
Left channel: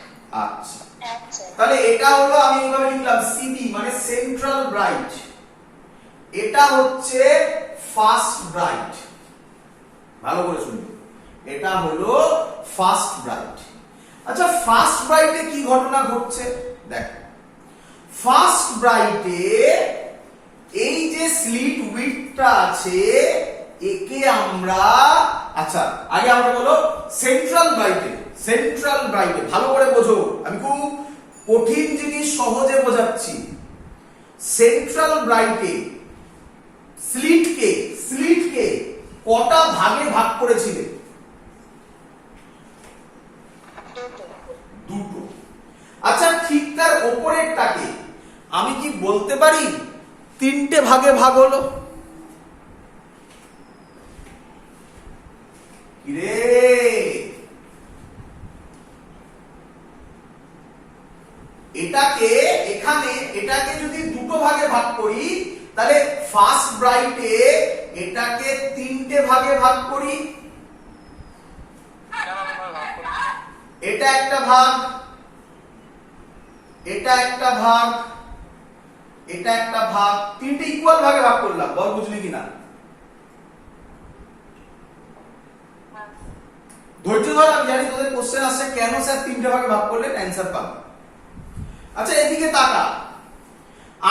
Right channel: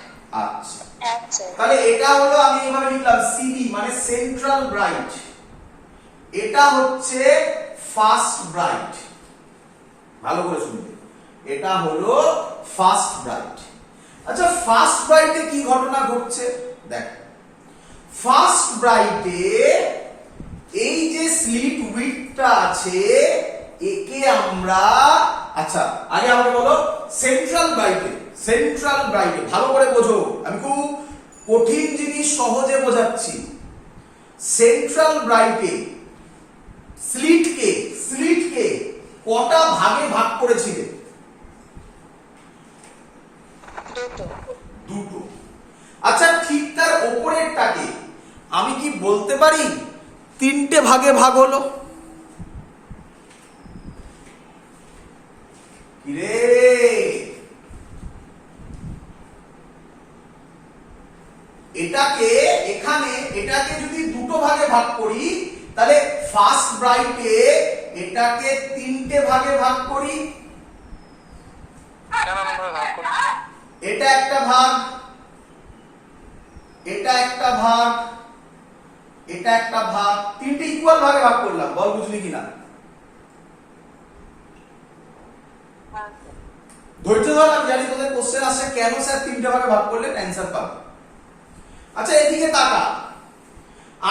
আচ্ছা হ্যাঁ স্যার। তাহলে এটা হলো, আমি এইভাবে লিখলাম সিবি মানে সেন্ট্রাল ব্রাইট, এটা হচ্ছে ফার্স্ট ব্রাইট। ভালো করে শুনুন, এটা হলো ফার্স্ট ব্রাইট। আচ্ছা ফার্স্ট ব্রাইটে কি ঘটনা ঘটছে দেখ। ফার্স্ট ব্রাইটে এই যে স্লিট উইডথটা আছে একে আমরা, আচ্ছা আগে আমরা বলো সেন্ট্রাল ব্রাইটে। সেন্ট্রাল ব্রাইটে ভালো করে বোঝো, আমি খুব কঠিন জিনিস সহজে বোঝাচ্ছি। সেন্ট্রাল ব্রাইটে স্লিটকে স্লিটকে কটা ভাগে ভাগ করেছিলে? দুটো। আচ্ছা ঠিক তার ওপরেরটাকে আমি কি বলতে পারি তিনটে ভাগে ভাগ হলো? রে এটাকে এখানে এটাকে যদি দুটো ভাগে ভাগ করি তাহলে ফার্স্ট ব্রাইটে এটাকে তিনটে ভাগে ভাগ করি। এটা একটা ভাগ, এটা একটা ভাগ, এটা একটা ভাগ, তিনটে ইকুয়াল ভাগে ভাগ করলাম। বল বুঝলি কিনা? ধৈর্য ধর, আমি জানি তোদের কোশ্চেন আসে কেন স্যার তিনটে ভাগে ভাগ করলে অ্যান্সার পাবে। আচ্ছা এদিকে তাকা,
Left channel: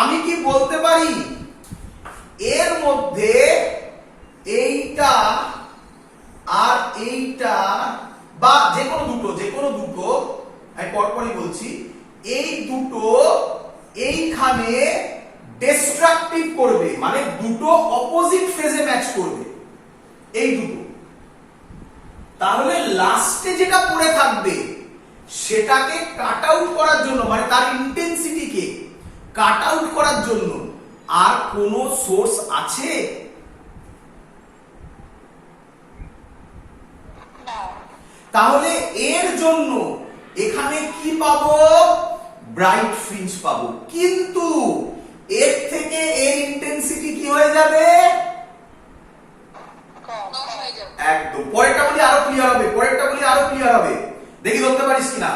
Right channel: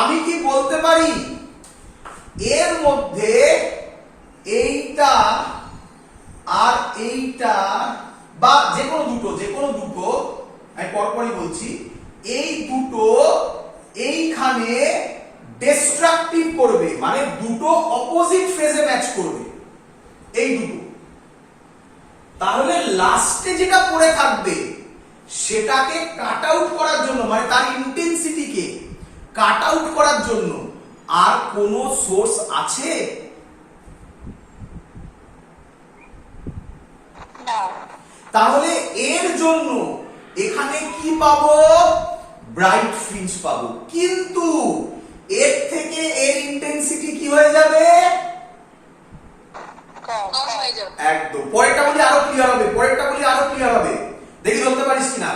আমি কি বলতে পারি এর মধ্যে এইটা আর এইটা, বা যে কোনো দুটো আমি পরপরই বলছি, এই দুটো এইখানে ডিস্ট্রাকটিভ করবে, মানে দুটো অপোজিট ফেজে ম্যাচ করবে এই দুটো। তাহলে লাস্টে যেটা পড়ে থাকবে সেটাকে কাট আউট করার জন্য, মানে তার ইন্টেন্সিটিকে কাট আউট করার জন্য আর কোনো সোর্স আছে? তাহলে এর জন্য এখানে কি পাবো? ব্রাইট ফ্রিঞ্জ পাবো, কিন্তু এর থেকে এর ইন্টেন্সিটি কি হয়ে যাবে? কম হয়ে যাবে। একদম। পরেরটা বলি আরো ক্লিয়ার হবে, দেখি ধরতে পারিস কিনা।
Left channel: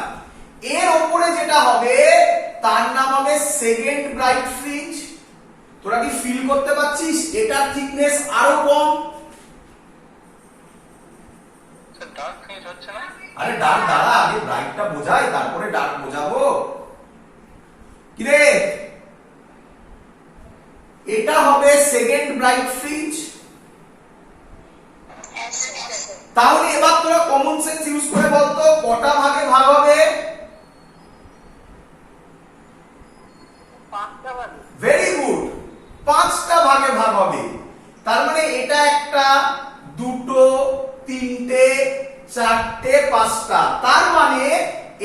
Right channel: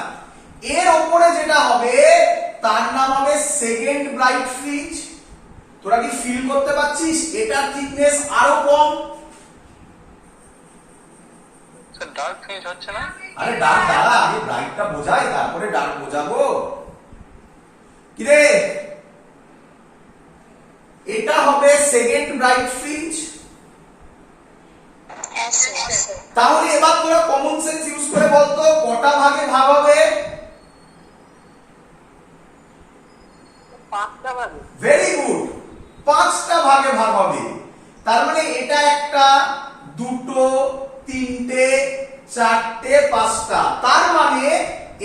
এর ওপরে যেটা হবে তার নাম হবে সেকেন্ড ব্রাইট ফ্রিঞ্জ। তোরা কি ফিল করতে পারছিস? এটার থিকনেস আরো কম। স্যার ডার্ক ফ্রিঞ্জ হচ্ছে না? আরে ডার্ক দাঁড়া, আগে ব্রাইটটা বোঝাই, তারপরে ডার্ক বোঝাবো। কি রে, এটা হবে সেকেন্ড ব্রাইট ফ্রিঞ্জ। হ্যাঁ স্যার। তাহলে এবার তোরা কমন সেন্স ইউজ করে বলতো কটা ভাগে ভাগ হবে? 5টা ভাগে। ভেরি গুড, 5টা ভাগে ভাগ হবে। তার মানে এটা একটা, দুটো, তিনটে, চারটে, 5টা। তার মানে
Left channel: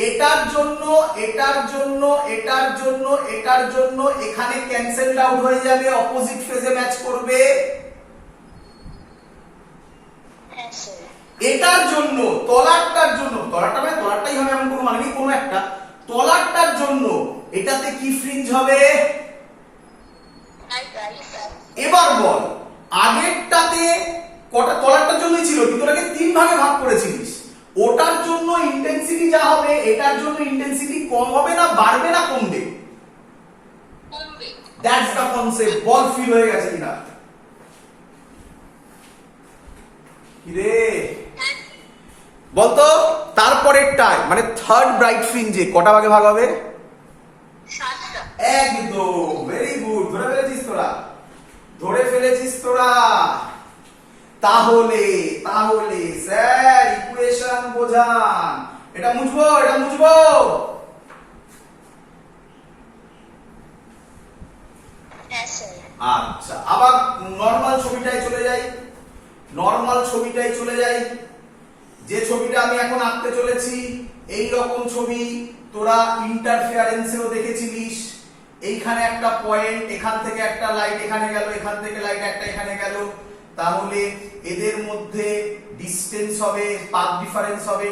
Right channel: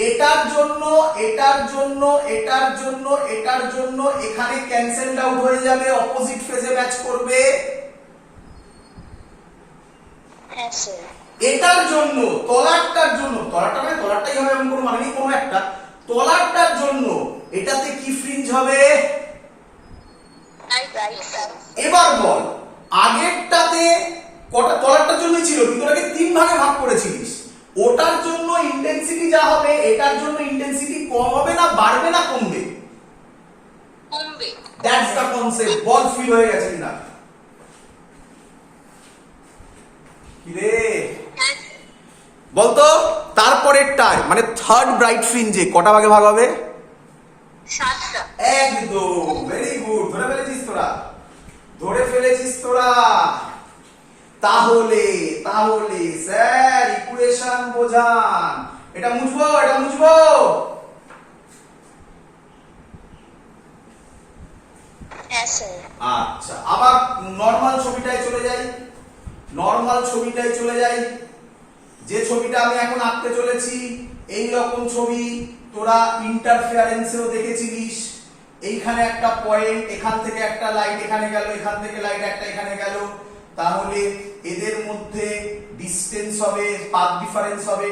এটার জন্য এখানে ক্যান্সেলড আউট হয়ে যাবে, অপোজিট ফেজে ম্যাচ করবে। হ্যাঁ স্যার। এটার জন্য তলারটা মানে তলারটাই হবে এমন কোনো মানে নেই, কোনো একটা তলারটার জন্য এটাতে কি ফ্রিঞ্জ হবে? এবার বল, আগেরটাতে কটা তলারটার জন্যই ছিল, কিন্তু ওটাকে 3 ভাগে ভাগ করেছিলিস। ওটার জন্য ইন্টেন্সিটি যা হবে, এটার জন্য ইন্টেন্সিটি কম হবে না বাড়বে না কমবে? কমবে। That's the concept. Ball fill হয়ে গেছে কিনা? কি রে বলতো, তারপরেরটায় মানে থার্ড ব্রাইট ফ্রিঞ্জে কটা ভাগে ভাগ হবে? 7টা। একদম, ভেরি গুড, ধরে ফেলেছিস তোরা। তাহলে স্যার ইকুয়েশন বোঝান। এটা মুছবো হ্যাঁ স্যার। আচ্ছা, আবার নরমাল ছবিটায় চলে যাই। যে ছবিটা আমি এখন আঁকতে চলেছি, এই রকম ছবি তোরা ইন্টারফেয়ারেন্সেও দেখেছিলিস। এইখানে একটা পয়েন্ট, এখান থেকে একটা লাইট এখানে গেল, এখান থেকে লাইট একটা এখানে গেল। তাহলে এদের মধ্যে ডিসটেন্স হবে, পাথ ডিফারেন্স হবে,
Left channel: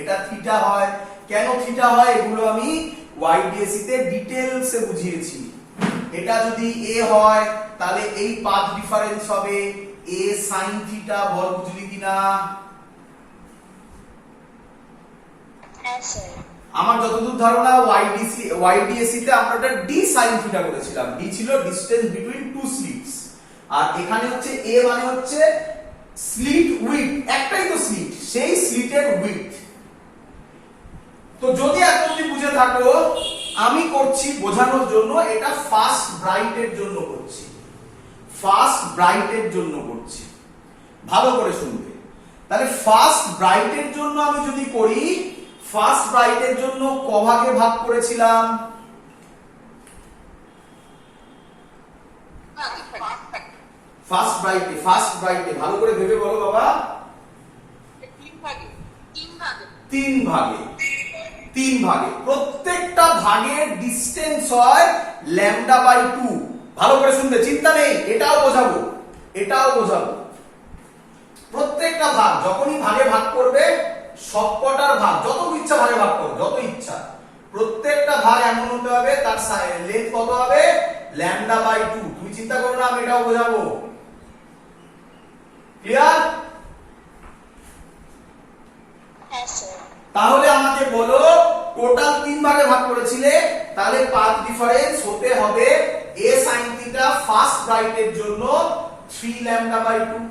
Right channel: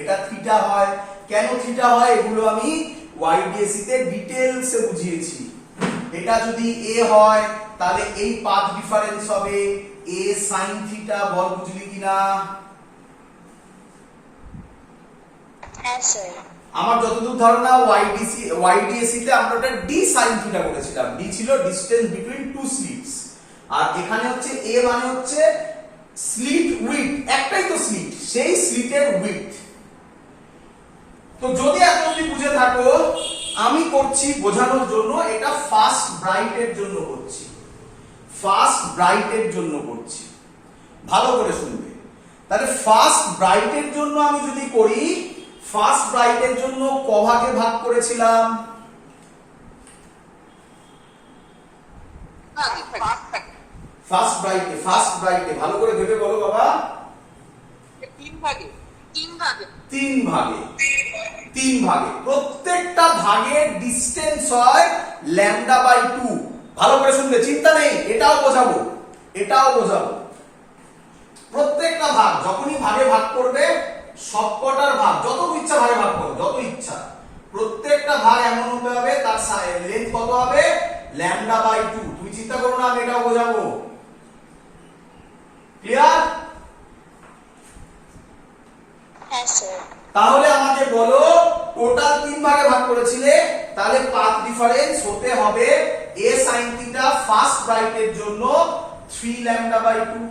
এটা থিটা হয়। কেন থিটা হয় এগুলো আমি ওয়াইডিএসি তে ডিটেইলসে বুঝিয়েছি। এটা যদি এ হয় তাহলে এই পাথ ডিফারেন্স হবে এ সাইন থিটা। বল বুঝলি কিনা? হ্যাঁ স্যার। আমার যতদূর ধারণা ওয়াইডিএসি তে আমরা ওটা ডি সাইন থিটা করেছিলাম। ডি ছিল ডিসটেন্স বিটুইন টু স্লিটস, আর এখানে হচ্ছে এ মানে হচ্ছে স্লিট উইডথ, একটাই তো স্লিট, সেই স্লিটের উইডথ। তো যদি এত অবধি বুঝে থাকো, আমি করছি বোঝানোর জন্য, এটা ফার্স্ট ব্রাইটের জন্য করছি, ভালো করে শুনবে। তাহলে ফার্স্ট ব্রাইটের জন্য আমি যদি করি, ফার্স্ট ব্রাইটের জন্য ক ভাগে ভাগ করেছিলাম? ফার্স্ট ব্রাইটে ভালো করে ভেবে বলো বাবা। 3 ভাগে। প্রত্যেকটা ভাগের ডিসটেন্স হয় λ/2। ভালো করে শুনবে, চিন্তা নেই, এটাও বোঝাবো। প্রত্যেকটা ভাগ যখনই ভাগে ভাগ করবে, সবকটার ভাগ যত ইচ্ছা ভাগে ভাগ করো, যত ইচ্ছা, প্রত্যেকটা ভাগ এমন হতে হবে তার লেন্থ কত হবে? λ/2। তুমি চিন্তা করো না, আমি এটাও বোঝাবো। ক্লিয়ার? হ্যাঁ স্যার। তাহলে আমাকে বলো, টোটাল 3 ভাগে ভাগ করেছিলে, তাহলে পাথ ডিফারেন্স হতে হবে a sin থিটা ফার্স্ট ব্রাইটের জন্য 3 λ/2।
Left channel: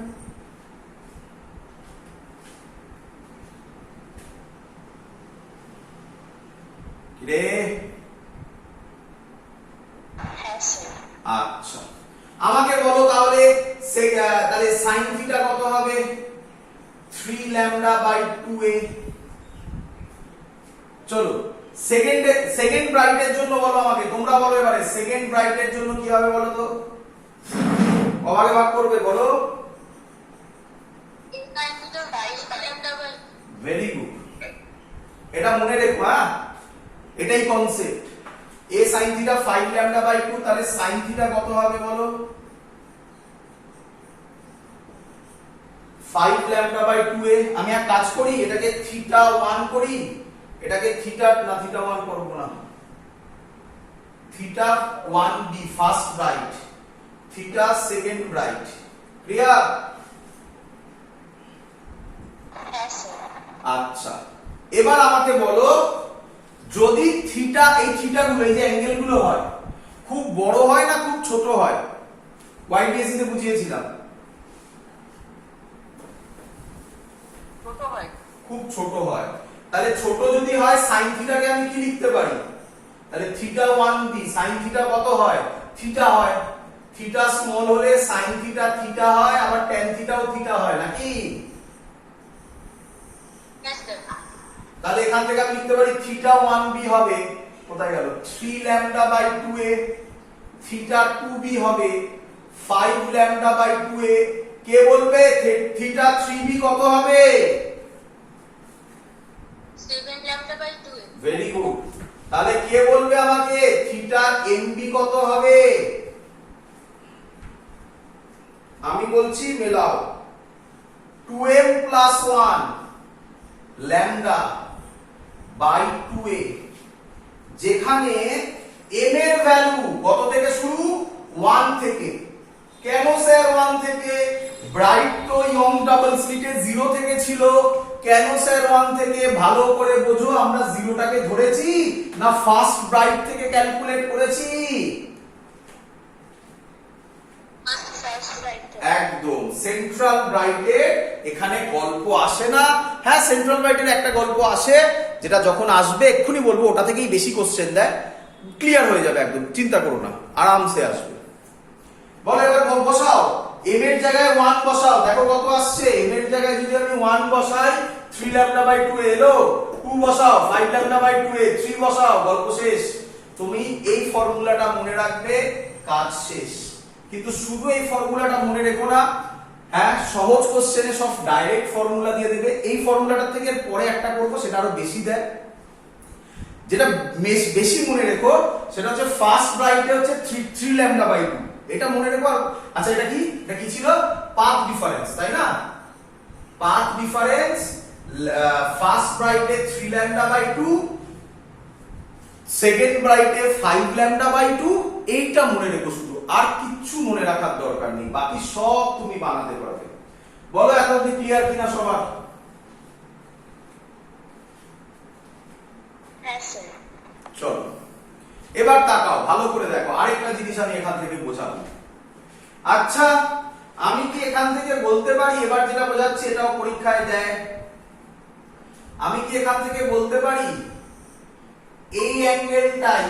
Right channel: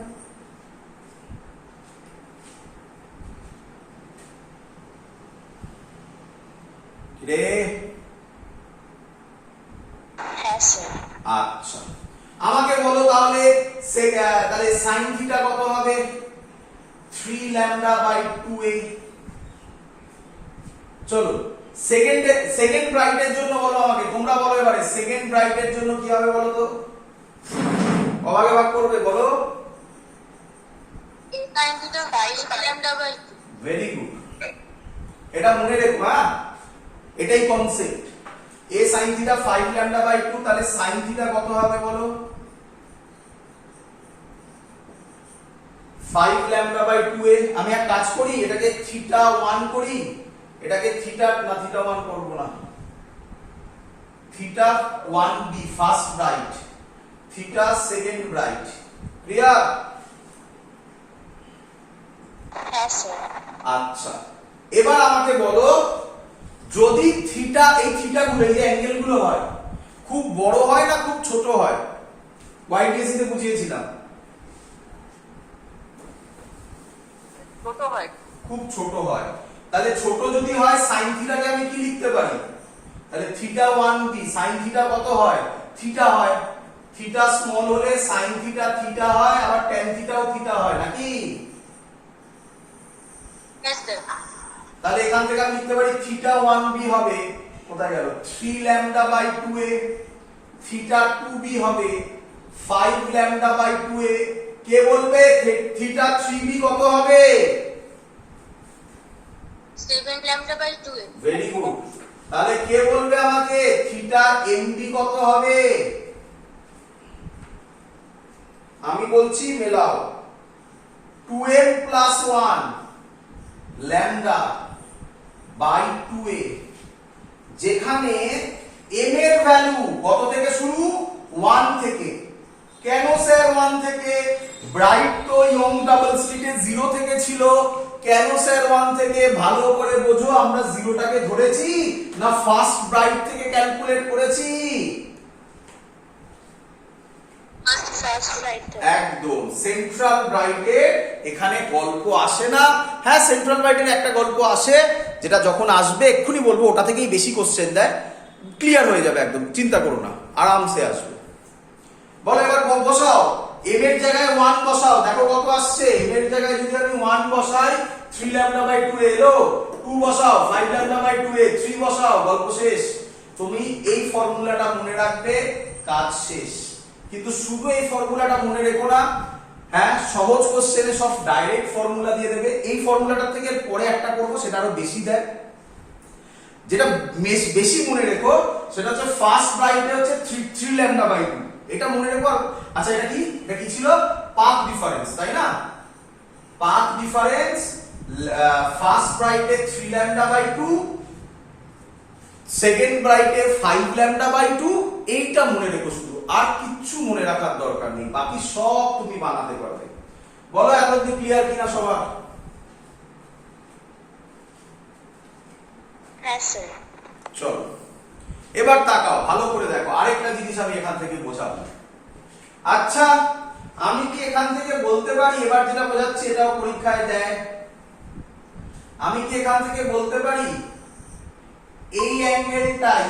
রে হ্যাঁ স্যার। আচ্ছা, আমাকে বলো তাহলে sin থিটা কত হবে? 3 λ/2a। চলো সেকেন্ড ব্রাইটের জন্য বলো আমাকে, তোমরা বলো এবারে সেকেন্ড ব্রাইটের জন্য কি হবে বলো তো? কভাগে ভাগ করবে বলো? ভেরি গুড, এটা মনে রেখো। হ্যাঁ, এটাই কনসেপ্ট। a sin থিটা 5 λ/2, তাহলে sin থিটা কত হবে বলো? 5 λ/2a। আমি এক কাজ করি, এটাকে θ1 করি, এটাকে থিটা না থিটা 1 করব না, theta 1b first bright, theta second bright. Clear? হ্যাঁ স্যার। আচ্ছা, এবার আমাকে বলো, যদি থিটা, এই থিটা গুলো, এই যে অ্যাঙ্গেল গুলো হয়, খুব বড় হয় না খুব ছোট হয়? ওয়াইডিএসি তে বুঝিয়েছিলাম, ছোট হয়। খুব ছোট হয়। তাহলে ছোট যদি হয় সাইন থিটাকে আমি কি লিখতে পারি? তাহলে থিটা 1b সাইন থিটা কত হয়? থিটা হয়। থিটা স্মল হলে সাইন থিটা থিটা হয়, আবার ট্যান থিটাও থিটা হয় নাকি? হ্যাঁ স্যার। তাহলে এখান থেকে আমি লিখতে পারি থিটা 1b হবে, কোথায় গেল, 3 lambda by 2a, theta 2b হবে 5 ল্যামডা বাই 2a। কে বলবে থিটা 3b কত হবে? 7 ল্যামডা বাই 2। Very good. তাহলে কে বলবে আমাকে থিটা mb কত হবে? আমি বলছি মেলাও, 2m plus 1 lambda by 2a, যেখানে m এর ভ্যালু কত থেকে শুরু? 1 থেকে। কেন স্যার 1 থেকে? ব্রাইট তো ইয়ং ডাবল স্লিটে 0 থেকে ছিল। কেন স্যার 1 থেকে? ভালো করে বোঝো, আমরা 0টাকে ধরেছি না ফার্স্ট ব্রাইট থেকে ক্যালকুলেট করেছি? একদম। সেন্ট্রাল ব্রাইটের এখানে গল্প আসে না। হ্যাঁ, সেন্ট্রাল ব্রাইটের একটা গল্প আসে, যেটা যখন আসবে এক্ষুনি বলবো, ওটা থেকেই বেশি কোশ্চেন দেয়, ক্লিয়ার হয়ে যাবে একদম, চিন্তা করো না, আরামসে আসবে। বলো এবার বসাও, m এর জায়গায় 1 বসাও, দেখো কত আসছে। m এর জায়গায় যদি আমি 1 বসাই 3 ল্যামডা বাই 2 এলো, 2 বসাও 5 ল্যামডা বাই 2 এ, 3 বসাও, গল্প শেষ। তুমি এই ফর্মুলাটা মনে রাখবে, কাজ শেষ। কিন্তু শুধু এই ফর্মুলাটা মনে রেখো না, হ্যাঁ, সহজ কোশ্চেনে সব ডাইরেক্ট ফর্মুলা দিয়ে দেবে। এই ফর্মুলাটা থেকে পরে একটা করবো, সেটা আরো বেশি দেয়। যেটা বেশি মনে রেখো সেটা হচ্ছে ফার্স্ট ব্রাইটে হচ্ছে 3 ল্যামডা বাই 2, এটা মনে রেখো। আচ্ছা, এটা কি, এটা কি ছিল? পাথ ডিফারেন্স, তাই না? পাথ ডিফারেন্স, ফার্স্ট ব্রাইটে 3 ল্যামডা বাই 2, সেকেন্ড ব্রাইটে 5 ল্যামডা বাই 2, এইটা মনে রেখো শুধু, আর কিচ্ছু মনে রাখার দরকার নেই, বাকি সব তুমি বানাতে পারবে। বলো এত অবধি ক্লিয়ার কিনা সবার? হ্যাঁ স্যার। চলো এবার তাকাও, ভালো করে দেখো, আরেকটা জিনিস আমি এখান থেকে বোঝাবো। আচ্ছা, আমি কি এখান থেকে বলতে পারি, এবার যেটা বোঝাচ্ছি এটাও পরীক্ষায় দেয়, আমি কি এখান থেকে বলতে পারি এই অ্যাঙ্গেলটাই